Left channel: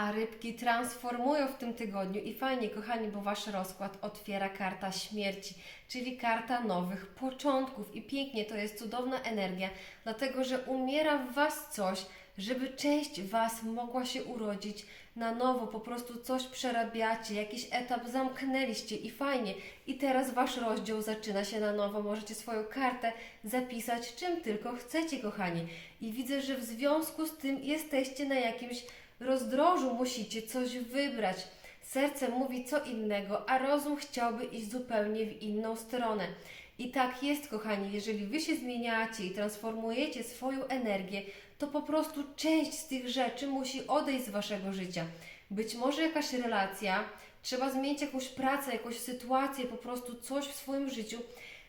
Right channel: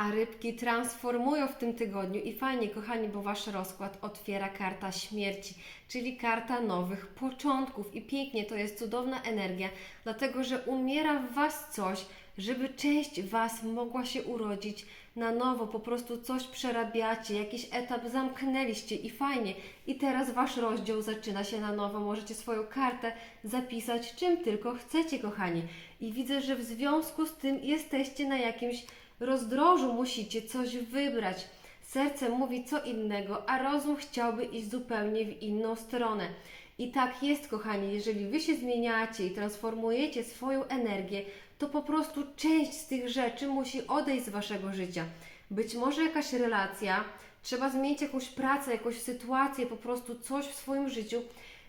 A rybki transformują w tym tygodniu i fajnie, kochani, bo wasz rozkład otwiera karta śmierci, czyli karta nowych początków. I pięknie, to jest cudowna energia, dlatego że umiera w was coś, żeby część was mogła się urodzić na nowo, po prostu coś przerabiacie, jakiś etap zamknęliście i fajnie. I teraz wasz rozdział zaczyna się na nowo. Możecie swoją kartę zapisać czym tylko chcecie, kochani. I widzę, że w związku z tym jesteście na jakimś rozdrożu, musicie coś wybrać. Serce mówi co innego, a rozum chciałby iść zupełnie w inną stronę. I tak jest, kochani, jeżeli wy się zmieniacie i transformujecie swoją energię, to po prostu część z tych rzeczy musi odejść z waszego życia. Być może jakaś relacja, trzeba zmienić jakąś pracę, jakąś sytuację, po prostu coś w swoim życiu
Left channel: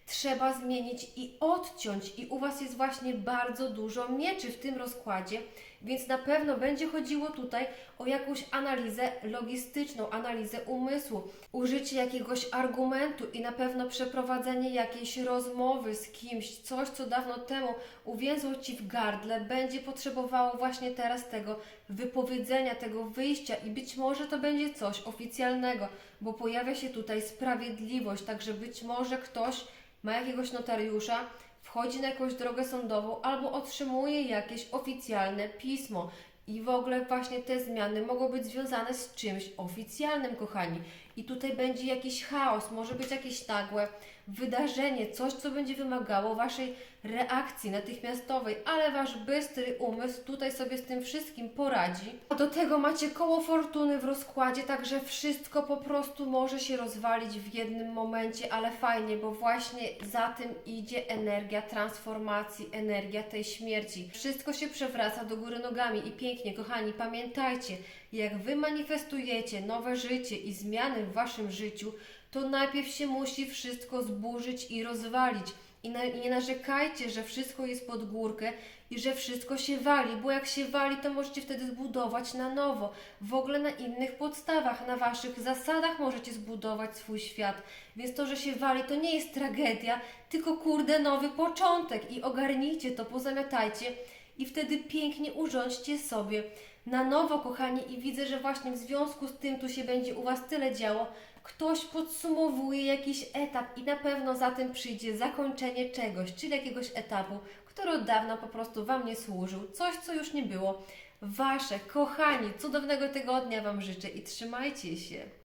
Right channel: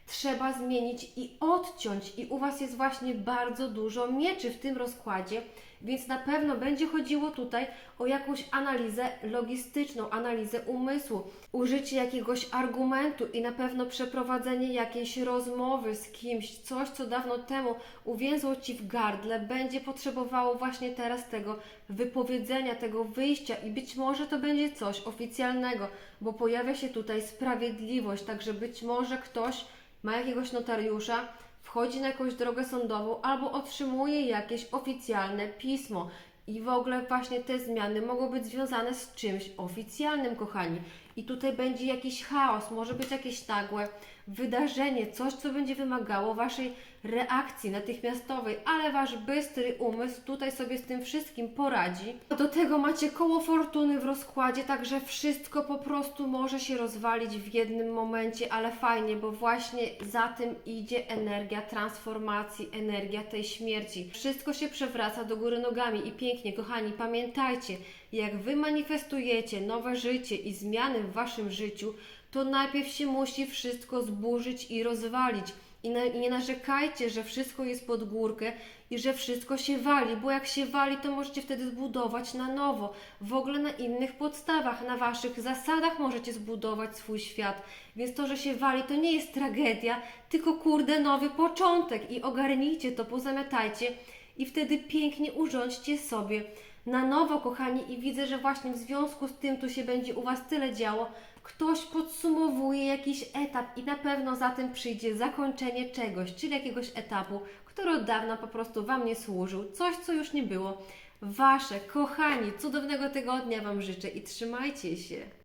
trzeba zmienić i odciąć. I u Was jest właśnie bardzo dużo mieczy w tym rozkładzie, więc na pewno będzie chodziło tutaj o jakąś analizę logistyczną, analizę umysłu, użycie jakiegoś argumentu i na pewno przeprowadzenie jakiejś rozmowy z kimś, coś co dawno temu uwięzło Ci w gardle, będzie potrzebowało właśnie teraz tego wypowiedzenia, tego wyjścia i być może to będzie coś oficjalnego, bo pojawia się tutaj sprawiedliwość, także być może ktoś ma jakiegoś notariusza, wchodzi na jakąś drogę sądową albo otrzymuje jakieś oficjalne pismo. I w ogóle właśnie te zmiany mogą być związane z czymś oficjalnym, kochani. I tutaj będzie jakiś chaos, może być jakieś nagłe wydarzenie, coś, co będzie wymagało Waszej reakcji natychmiastowej, ale Wasz bystry umysł tutaj sobie z tym wszystkim poradzi. A do tego macie koło fortuny w rozkładzie, także wszystko po prostu może się rozwalić w jednym momencie, ale fajnie, bo właśnie za tym idzie energia transformacji, energia tej śmierci. Wszystko się przewraca do góry nogami i pięknie, kochani, pamiętajcie, jak Wy manifestujecie nowe życie i zmiany w Waszym życiu, to najpierw się musi wszystko zburzyć i rozwalić. I nie narzekajcie, że wszystko jest pod górkę i że wszystko się wali, bo jak się wali, to możecie wtedy zbudować na nowo, w ogóle na innych podstawach, na waszych zasadach możecie zbudować swój świat. Więc to, że się wali, to nie jest tragedia, tylko kurde nowy początek i ogarnijcie to, pozamiatajcie i wtedy pięknie urządźcie sobie na nowo, kochani, i widzę, że właśnie w związku z tym tu się będzie u Was tyle działo. Ktoś podsumowuje jakiś etap i na pewno za tym przyjdzie zakończenie czegoś, czyli jakiegoś etapu, który od dawna po prostu Wam nie służył, coś, co już nie było. Wasze, kochani, cudownego tygodnia Wam życzę i trzymajcie się.